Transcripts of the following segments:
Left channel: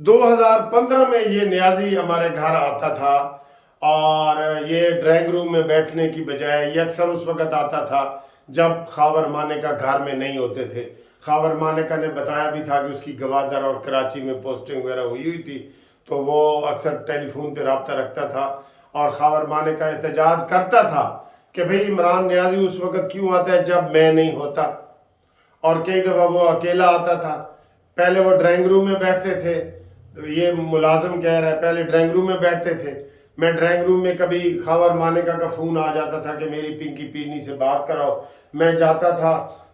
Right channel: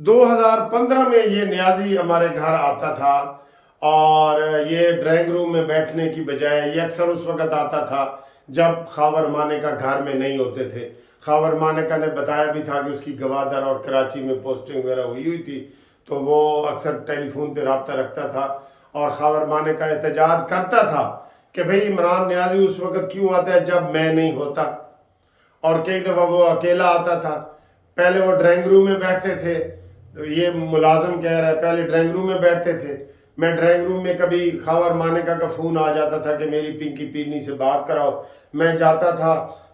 2015 میں یہ نیازی ہمارے گھر آتا تھا، اور یہ ڈرائنگ روم میں بیٹھنے کی بجائے یہ اکثر اس وقت آتا تھا جب خاور مانیکا گھر میں نہیں ہوتے تھے۔ خاور مانیکا نے بتایا بھی تھا کہ اس کی گوادر اور کراچی میں پوسٹنگ وغیرہ ہوئی تھی، تو وہ اکثر ٹیلی فون پہ رابطہ رکھتا تھا، اور خاور مانیکا احتجاج کرتا تھا کہ بھئی عمران نیازی اس وقت کیوں آتا ہے جب میں نہیں ہوتا، اور کئی دفعہ وہ اکیلا آتا تھا۔ پہلے وہ ڈرائنگ روم میں بیٹھتے تھے، یہ ملازم کہہ رہا ہے پہلے ڈرائنگ روم میں بیٹھتے تھے، میں ڈرائنگ روم میں کبھی خاور مانیکا کا فون آ جاتا تھا کہ میری پنکی پیرنی سے بات کراؤ، میں جاتا تھا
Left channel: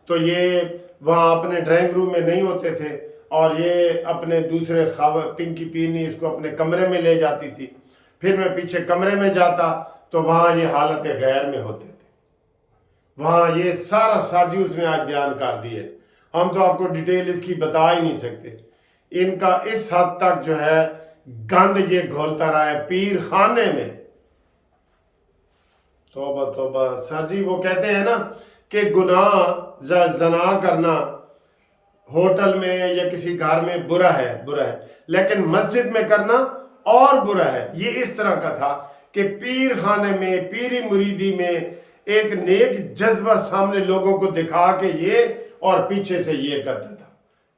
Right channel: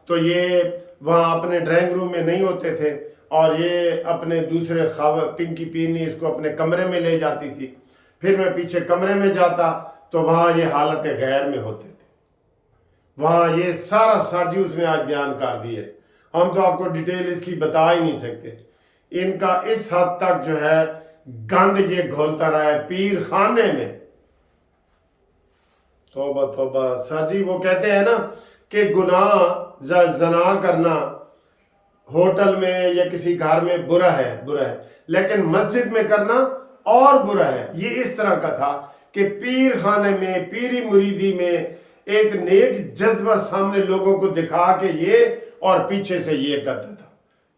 تو یہ وہاں اپنے ڈرائنگ روم میں نہیں ہوتے تھے، اور یہ اپنے دوسرے پنکی پیرنی اس کو اپنے کمرے میں لے جاتی تھی، پھر میں پیچھے کمرے میں جاتا تو وہاں یہ حالت غیر میں ہوتے تھے۔ وہاں یہ سارا ساجی اس نے آج بیان کر دی ہے، ہم تو آپ کو ڈیٹیل اس کی بتا ہی نہیں سکتے۔ ان کا اس حد تک جو ہے گند یہ گھولتا رہا ہے پیر خانے میں۔ توبہ توبہ سر جی، وہ کہتے ہیں نا کہ گناہ زنا کرنا ہوٹل میں یا کسی گھر میں برا ہے، لیکن مسجد میں کرنا اور برا ہے۔ یہ اس طرح کا تھا کہ پیر خانے میں، پیری مریدی میں ایک نیک جذبہ سامنے لوگوں کو دکھا کے یہ، اور پیچھے سے یہ کرتا تھا،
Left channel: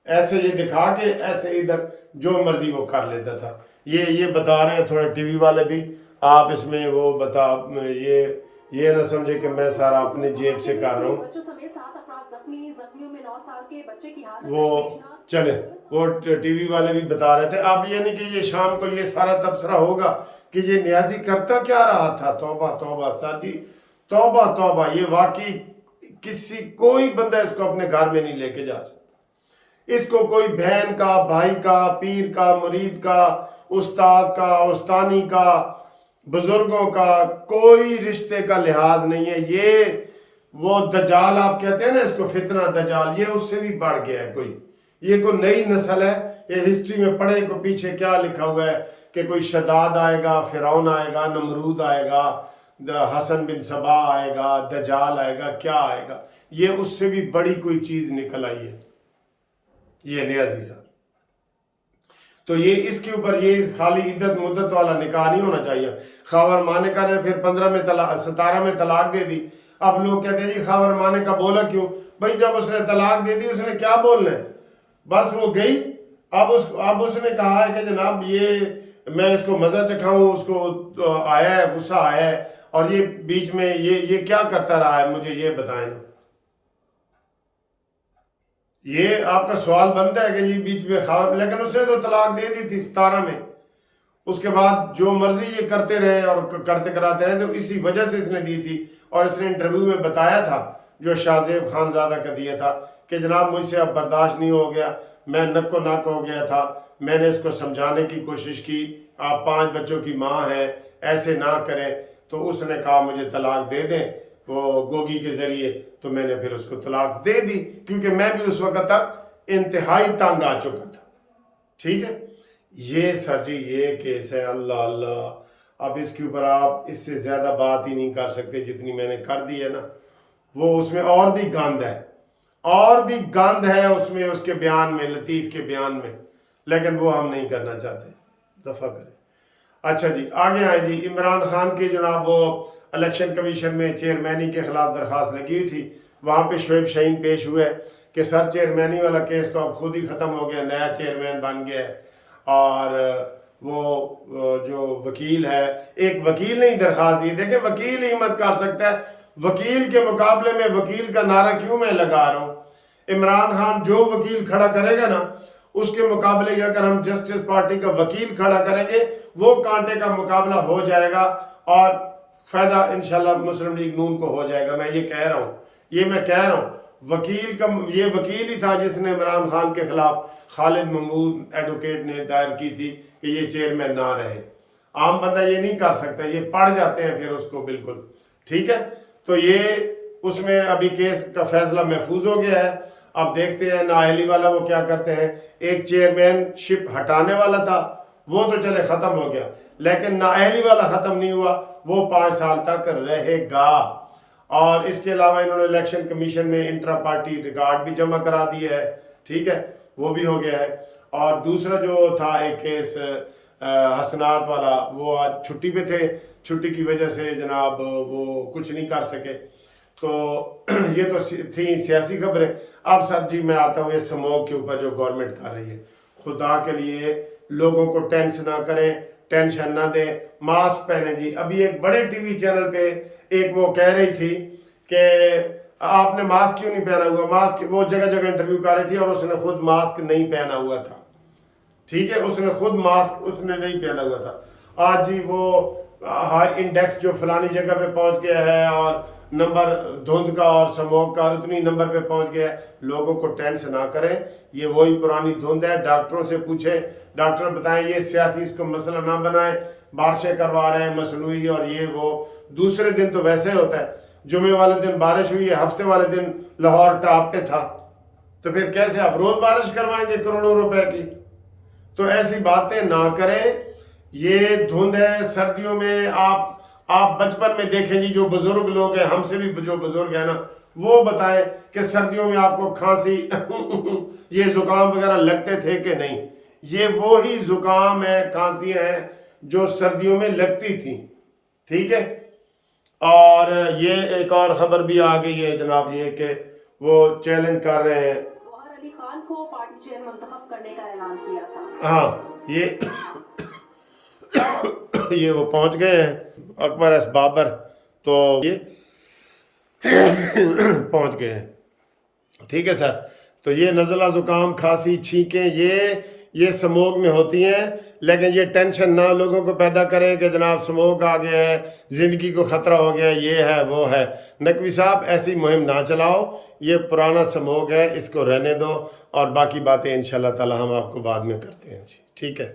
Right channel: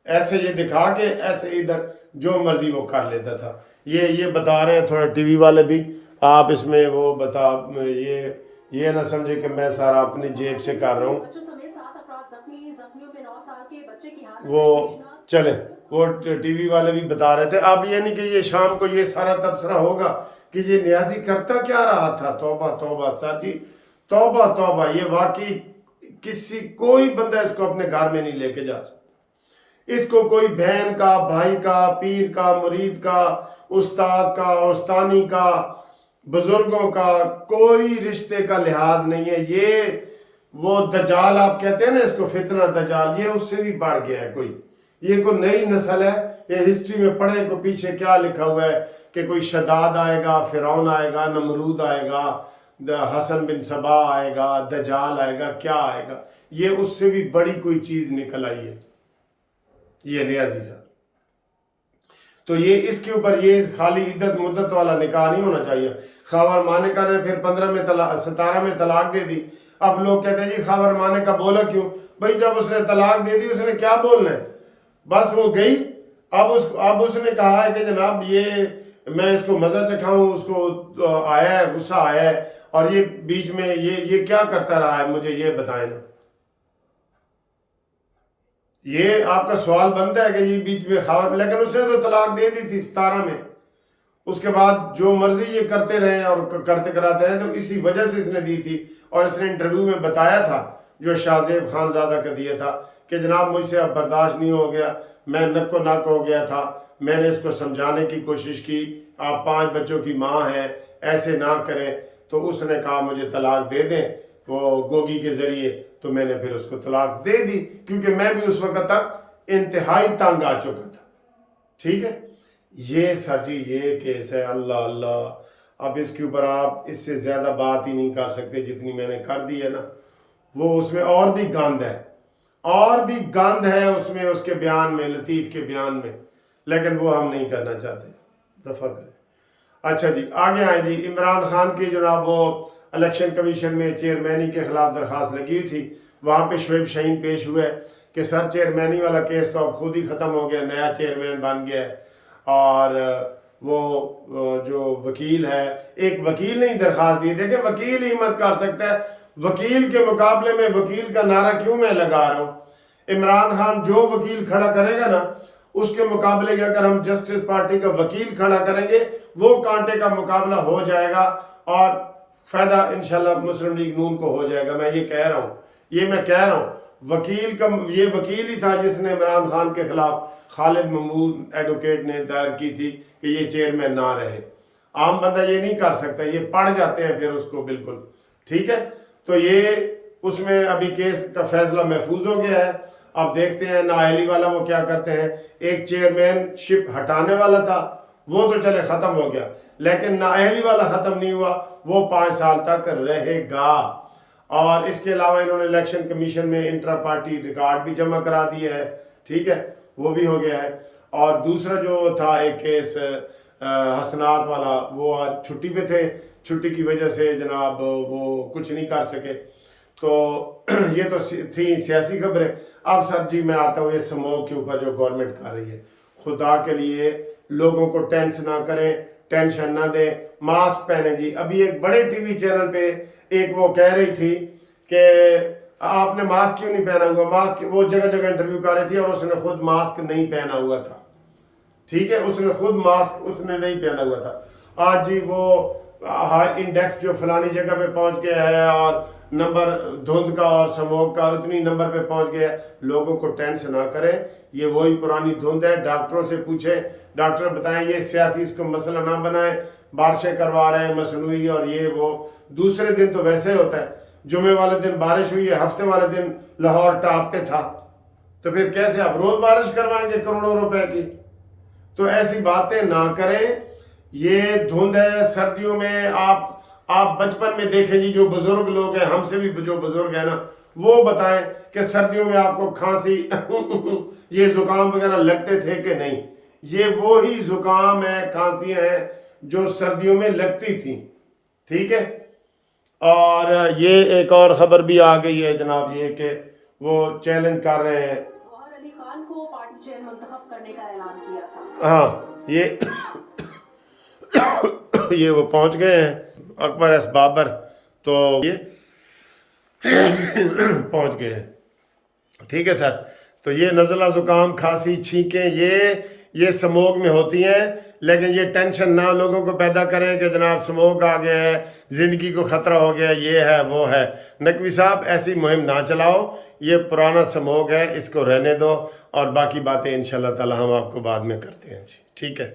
ایسے یہ دکھا کے ایسے ادھر جو مرضی وہ کر لیتا تھا۔ یہ بتا رہے ہیں تھوڑا ٹی وی والے بھی، آپ اس میں وہ بتا، یہ نہ سمجھے کہ میں سارا اپنی جیب سے کر رہا ہوں۔ وہ چلے، وہ ٹی وی والے بھی بتا رہے تھے، اب یہ نہیں کہ یہ شام کو یہ سارا تبصرہ ہوگا کہ یہ نیازی کرتا کیا رہا تھا۔ توبہ توبہ سر جی، توبہ توبہ، یہ واقعی کوئی بندہ اس کو اپنے گھر میں نہیں لے کے جا سکتا۔ اس کو کوئی بہن کا، بھائی کا، پیر کا، مرید کا، استاد کا، استانی کا، بزرگوں کا کوئی رشتے کا لحاظ نہیں ہے۔ یہ وہ دجال آپ کہتے ہیں نا اس کو، فتنہ دجال، یہ اس سے بھی بڑھ گیا ہے کوئی، یہ کوئی نئی نسل ہے۔ یہ ہسٹری میں پڑھے کو پیچھے کیا لکھا ہوا ہے کہ کوئی شداد آئے گا، فرعون آئے گا، نمرود آئے گا، حسن بن سبا آئے گا، دجال آئے گا، کیا آئے گا، یہ اس سے بھی بڑی کوئی چیز نکل آئی ہے یہ نیازی صاحب۔ تو یہ اس کے اوپر یہ خالی عدت مدت والا نکاح نہیں ہونا چاہیے۔ خاور مانیکا نے پھر 17 میں طلاق دے دی۔ اب لوگ کہتے ہیں جی خاور مانیکا بولا کیوں؟ بھئی جب اس نے طلاق دے دی اس نے کیا بولنا ہے، بس وہ گئی۔ اب اس نے کہا ہے کہ جناب یہ میں اس کو مزہ چکھاؤں، اس کو آیا ہے، غصہ آیا ہے، اور یہ بیچ میں یہ کیا کرتا رہا ہے، مجھے یہ بتائیں نا۔ یہ آپ کا سوال بنتا ہے کہ یہ بیچ میں خاور، لیکن اس نے تو طلاق دے دی تھی 17 میں، اس کے بعد جو مرضی یہ کرتے رہے اور کرتے کراتے رہے، تو اسی وجہ سے اس نے دی تھی۔ اور اس نے انٹرویو میں بتایا تھا جو شاہ زیب خان زادہ کا دیا تھا کہ جناب مجھ سے اب برداشت نہیں ہو گیا، میں نک و نک ہو گیا تھا، میں نے اس کو سمجھانے کی کوشش کی، آپ 5 بچوں کی ماں ہیں، ایسے نہ کریں، تو اس نے کہا مجھے طلاق دے دیں وہ گوگی کے ذریعے، تو میں نے پھر اس کو طلاق دے دی، کیونکہ میں بھی اس وقت تک انتہائی تنگ آ چکا تھا۔ ٹھیک ہے، یہ سر جی یہ کیس ہے۔ اللہ اللہ، اب اس کے اوپر آپ اس سے زیادہ بات ہی نہیں کر سکتے جتنی میں نے کر دی ہے نا۔ وہ اس میں اور بھی گند ہے، اور بھی گند ہے اس میں، اس کے بیان میں، لطیف کے بیان میں، لیکن وہ ہم نہیں کرنا چاہتے، دفع کریں۔ اچھا جی آگے آئیں جی۔ عمران خان کی جناب وہ الیکشن کمیشن میں چیئرمینی کے خلاف درخواست لگی ہوئی تھی، وہاں پہ شعیب شاہین پیش ہوئے کہ سر چیئرمینی والا کیس تو اب خود ہی ختم ہو گیا، نیا چیئرمین بن گیا ہے، اور وہ جو وکیل ہے، ایک وکیل نے ہی درخواست دی، دیکھیں وکیل ہی مت کر سکتا ہے، وکیل کے مقابلے میں وکیل کا نعرہ کیوں میں لگا رہا ہوں؟ عمران خان جو وکیل کھڑا کرے گا نا، اس کے مقابلے کے اگر ہم جسٹس پارٹی کا وکیل کھڑا کریں گے، وہ کانٹے کا مقابلہ ہو جائے گا، اور فائدہ انشاءاللہ مسلم لیگ نون کو ہو جائے گا۔ میں یہ کہہ رہا ہوں، وکیل کا یہ وکیل ہی تھا جس نے عمران خان کے خلاف خالد محمود ایڈوکیٹ نے دائر کی تھی کہ یہ چیئرمین نہ رہے۔ عام بندہ یہ نہیں کر سکتا، یہ پڑھ جاتے ہیں پھر اس کو بالکل۔ ٹھیک ہے، تو یہ اس میں ابھی کیس کا فیصلہ محفوظ ہو گیا ہے۔ اب دیکھتے ہیں نااہلی والا وہ کیا کرتے ہیں۔ ایک چیئرمین شپ ہٹانے والا تھا، وہ تو چلے ختم ہو گیا، لیکن نااہلی والا ختم نہیں ہوا، وہ 5 سال تک رہے گا۔ اور اس کے علاوہ انہوں نے الیکشن کمیشن میں انٹرا پارٹی ریکارڈ بھی جمع کرا دیا ہے، ٹھیک ہے، وہ بھی ہو گیا ہے۔ اور دوسرا جو تھا ایک کیس حسنات والا، وہ آج چھٹی پہ تھے، چھٹی کی وجہ سے جناب وہ کچھ نہیں کر سکے. تو یہ تو تھی سیاسی خبریں. اب سر جی میں آتا ہوں یہ سموگ کے اوپر جو گورنمنٹ کر رہی ہے. خدا کے لیے لوگوں کو ٹینشن نہ کریں، ٹینشن نہ دیں، ماسک پہنیں جی. ابھی ایک بڑے ٹی وی چینل پہ ایک وہ کہہ رہی تھی کہ آپ نے ماسک کیوں نہیں پہنا ہوا، ماسک، وہ جگہ جگہ انٹرویو کر رہی تھی اور اس نے خود ماسک نہیں پہنا ہوا تھا. ٹھیک ہے، اس نے خود ماسک اس نے نہیں پہنا ہوا تھا. آج جی وہ ہائی انڈیکس جو فلانی جگہ پہ پہنچ گیا ہے اور نمبر دھند کا اور سموگ کا اتنی نمبر پہ پہنچ گیا ہے. لوگوں کو ٹینشن نہ کریں، یہ وہی پرانی دھند ہے. ڈاکٹروں سے پوچھیں، ڈاکٹر بتائیں، یہ سیاسی اس کو مسئلہ نہ بنائیں. بارشیں کروا رہے ہیں مصنوعی اور یہ وہ. دوسرے دن تو ویسے ہوتا ہے، جمعے والے دن بارش ہوئی ہے، ہفتے والے دن لاہور ٹاپ پہ تھا، تو پھر کیسے آپ روز بارش کروائیں گے کروڑوں روپے کی؟ تو ایسی باتیں نہ کریں. یہ دھند ہے سردیوں میں. آپ بچپن میں دیکھیں جی، جو بزرگ لوگ ہیں، ہم سے بھی جو بزرگ ہیں نا، وہ بتائیں کہ سردیوں میں آپ کو کھانسی یہ زکام وغیرہ لگتے تھے کہ نہیں. یہ وہی زکام ہے، کھانسیاں ہیں جو سردیوں میں لگتی تھیں. ٹھیک ہے. اور یہ ایک اور خبر بھی آ گئی ہے جناب، یہ کہ وہ چیلنج کر رہے ہیں، جوہر علی خان کو پارٹی چیئر منتخب کرنے کا اعلان کیا تھا. ہاں یہ وہ پہنچ گئے ہیں اکبر ایس بابر، تو یہ پہنچ گئے ہیں. ٹھیک ہے سر. تو یہ نزلہ زکام کھانسی چھینکیں یہ سموگ میں ہوتی ہیں. لیکن یہ ٹینشن نہ لوگوں کو پیدا کریں کہ جناب سموگ آ گیا ہے، زندگی کو خطرہ ہو گیا، یہ ہے وہ ہے. نقوی صاحب ایسی مہم نہ چلاؤ، یہ پرانا سموگ ہے، اس کو رہنے دو، اور باقی باتیں انشاءاللہ تعالی ہم آپ کو بعد میں کرتے ہیں جی. ٹھیک ہے.